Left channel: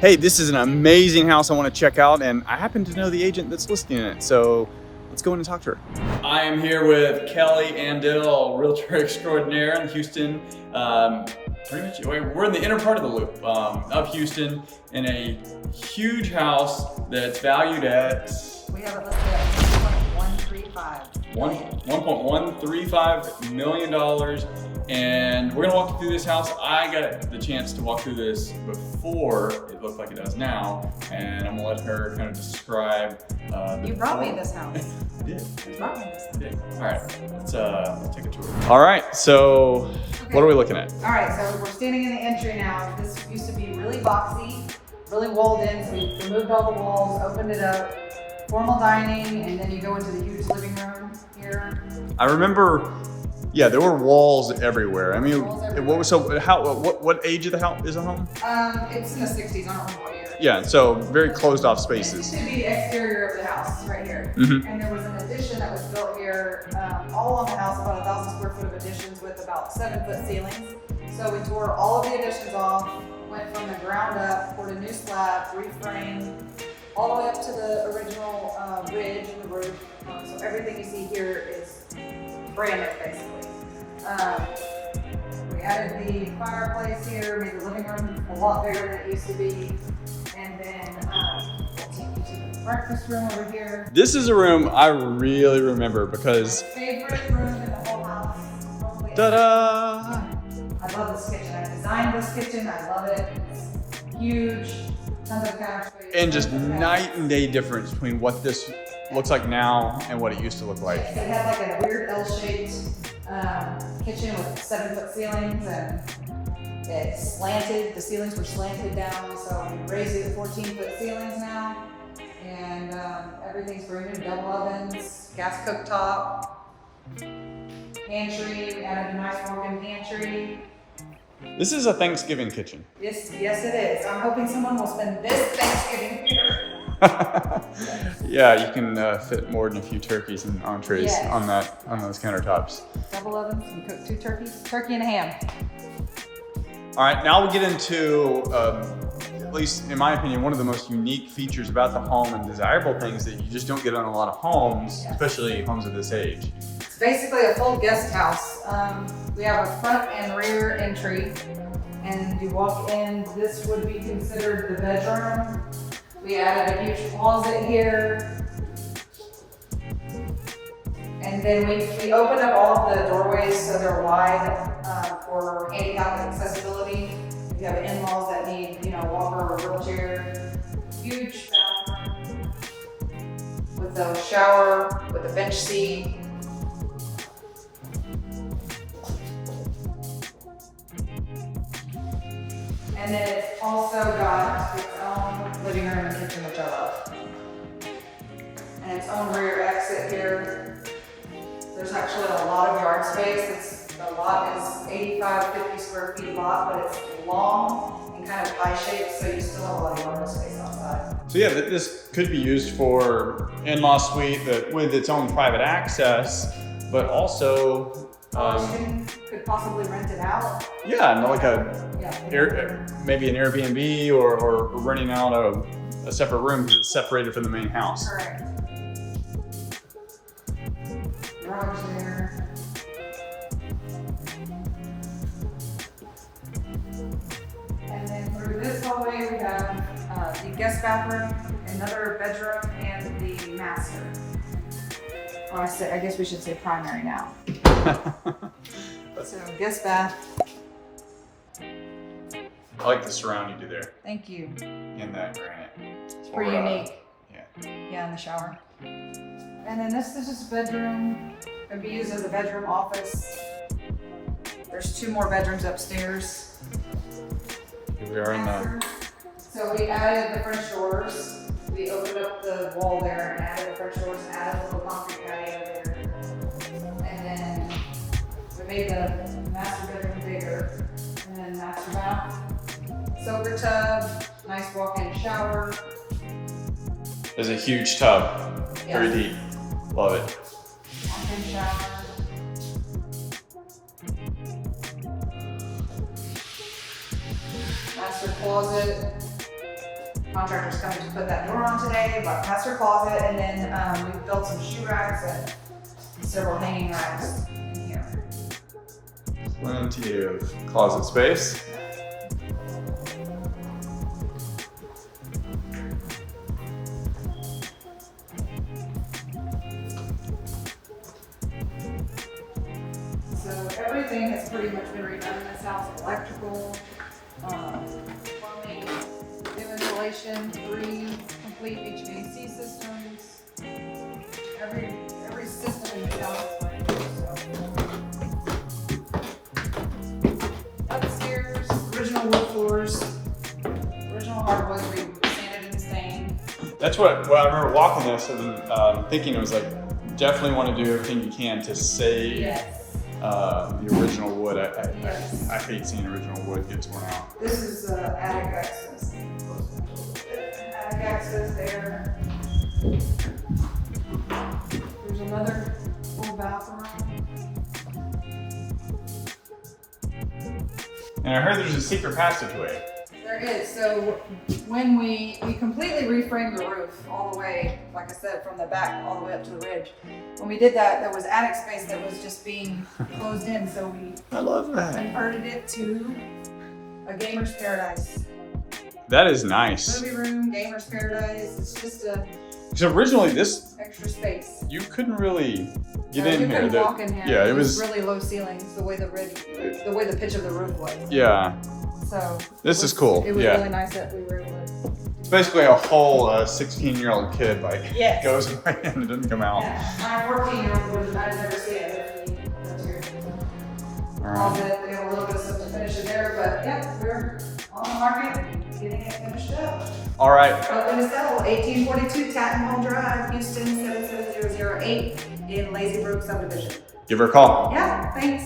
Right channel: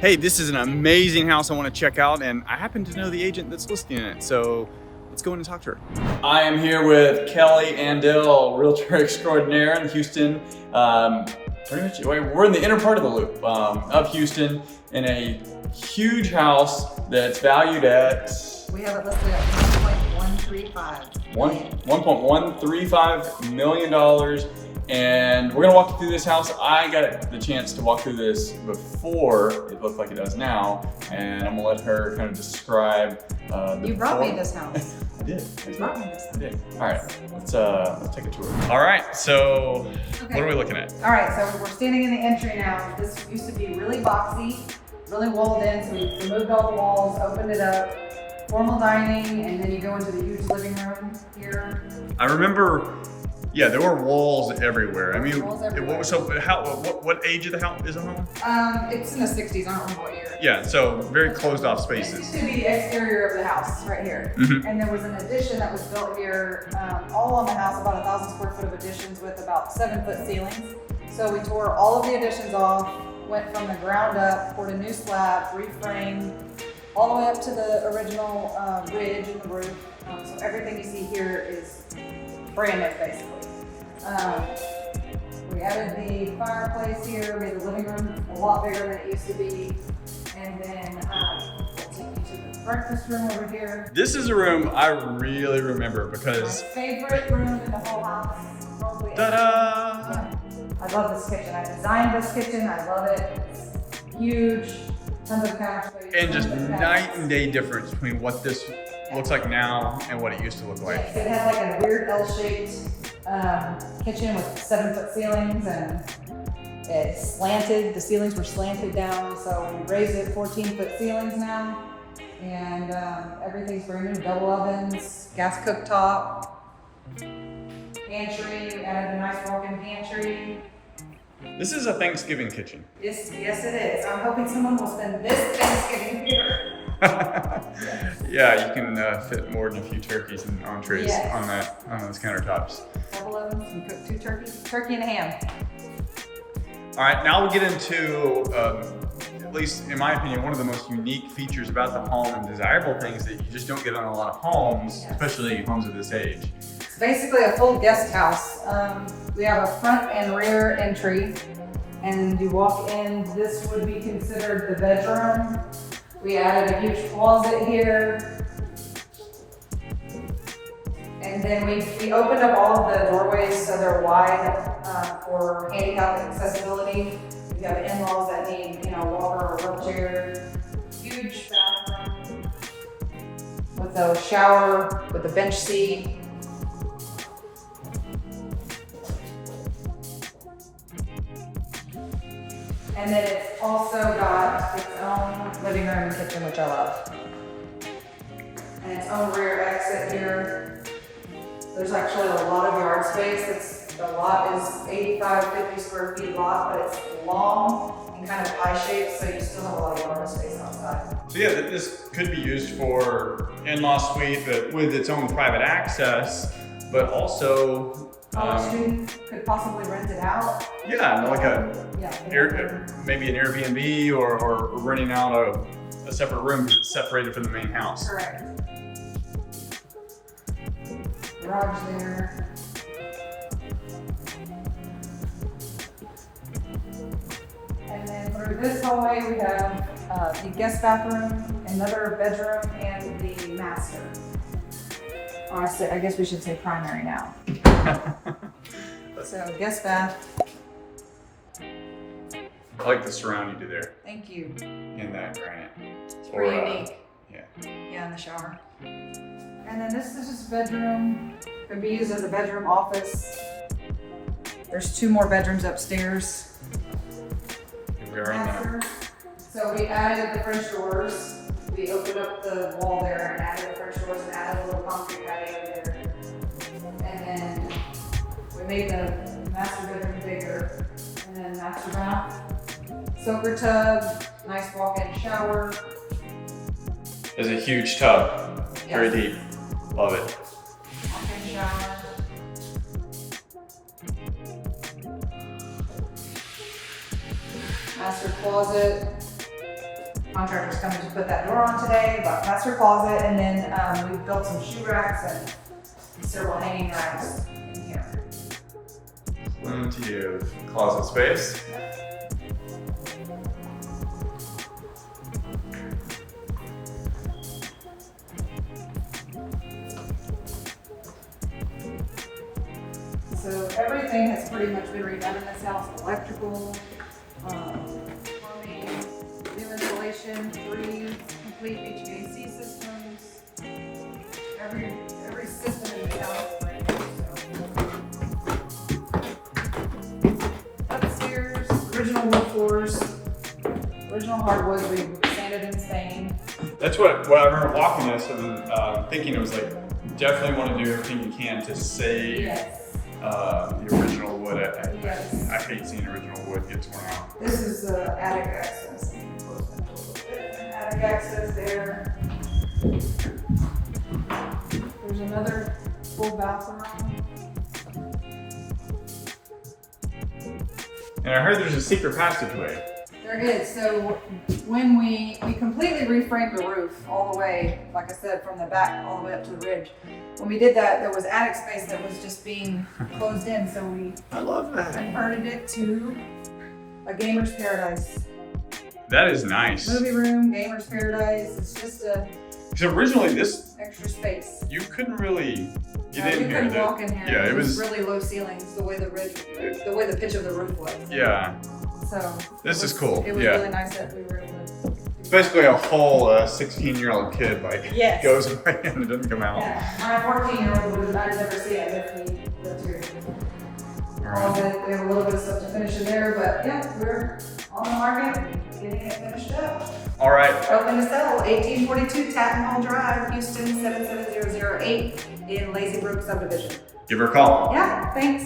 hey, this is an amazing house I want to check out, and I happen to know the agent that's listing it, so let's go in and talk to her. I am here with Kelly Andell, realtor extraordinaire in Houston. Pretty much, we're in the inner part of the loop of Houston in a huge house that's valued at... We have it listed at $1.135 million. And we're gonna walk you through this house. I got the chance to walk through this before it looked like it does now, and I'm gonna let her kind of describe You brought me this house. I did. You brought me this house. I did. All right, let's take a tour. All right, so what are we looking at? All right, so we're standing in the entry now. This used to be really boxy, really walled in, so we removed all the walls, opened it up, formal dining, and then you go into the huge living room here. I remember. Yeah, there were walls everywhere. I mean, what age of the house is the home? It's in the 60s. I don't remember what year. Yeah, so very closed off This spaces. used to be the exterior of the house, right here. Mhm. And there was an addition that was built here, all on the house, about 1,000 square foot of additions with about 7-foot ceilings. So we tore all of the additions off, went from the ground up, poured a new slab, reframed, all the way up to the original ridge of the roof. So everything you see here is brand new, basically. We added the fireplace here, made the living room a lot bigger than it used to be, and then we'll take you to the breakfast room over here. This is a room I really remember because... My favorite room in the whole house. Probably ever. Ta-da! I love this kitchen. I designed this kitchen. I love it. It's huge, tons of couch space. And just night and day difference between what this looks like now and what it used to look like. Yes, it had like a weird L-shaped kitchen with 7-foot ceilings, and it slanted. The ceilings were slanted down, so we raised it to 14-foot ceilings now. And everything's brand new, double ovens, gas cooktop, pantry. We added a nice walk-in pantry. This is a Thanksgiving kitchen. Yes, it is. I'm hoping someone will spend this Thanksgiving here. Yeah, you can fit more than a few turkeys and entrees Yes. on those countertops. Double ovens, you cook 2 turkeys, turkey and a ham. All right, now we'll get into, at least in my opinion, one of the most unique features about the home and desirable things that you just don't get on a lot of homes, especially homes of this age. It's basically a full guest house. We have a front and rear entry, and you walk in, this would be considered the bedroom. We added a huge closet here. And then we opened up all of the doorways so they're wide for handicap accessibility. If you have in-laws that need, walker or wheelchair. Huge bathroom with a shower, with a bench seat. And then it's also got its own living room and kitchen, which I love. And its own rear exit here. There's actually a lot of yard space. The lot is 50 square feet lot, but it's long and kind of pie-shaped, so you still have a lot of yard space outside. So yeah, this could be used for in-law suite with its own private access, but also You could possibly rent it out. yeah, like maybe an Airbnb or renting out a separate room because it's separated from the main house. Correct. Garage there. And then through this hallway, we have the guest bathroom, another bedroom, and the master. Oh, I guess we should say primary now. So guest bath. I like the surround you do there Thank you. in that granite. It's pretty unique. Yeah. Yeah, in the shower. And then this is just a bedroom. It can be used as a bedroom office. There's 2 more bedrooms upstairs. Here we are in the Master. So we added the French doors. We opened up the wall there and added the French doors and added a little concrete patio there. And then we made the master bedroom bigger. And then master bath. Soaker tub, nice walk-in shower. There's a huge tub. Yes. Very deep. Love it. Walk-in shower. Master closet. contractor's coming to put that door on today, bought master closet, and then we built some shoe racks and several hanging racks in here. Plenty of closet space. So everything has pretty much been redone in this house: electrical, plumbing, new insulation, 3 complete HVAC systems. Every system in the house. Upstairs, original wood floors, original hardwood, we sanded and stained. That's what I remember walking this and thinking it was like, definitely want to do everything you can to save Yes. the original wood. Yes. I hate seeing original wood get torn out. This is attic access. Attic access there. There's another full bathroom. And I heard there's a secret passageway. There is. So when we completely reframed the roof all the way, like I said, from the back all the way up to the ridge. When we did that, there was attic space that was just being closed in, so we I love that. converted it to a gamer's paradise. That is nice. Movie room, gamer's paradise. It's just a Because originally this, extra space. you couldn't really get You in here. couldn't walk in here. Yeah, it was. really low ceilings, the way the pitch of the roof was. Yeah, So this is cool. It was Yeah. really nice that we were able to. It's basically a whole 16-year-old kid like Yes. goes away and doesn't come out. Yeah, my 14-year-old would I'd never see it if we built here. All right. We have a little bit of stuff to finish in there, but yeah, we're on the market, getting it finished up. All right. Open to sell, 1842 Tatton Hall Drive, Houston 77008 in Lazy Brook subdivision. Give her a call. Yeah, thanks.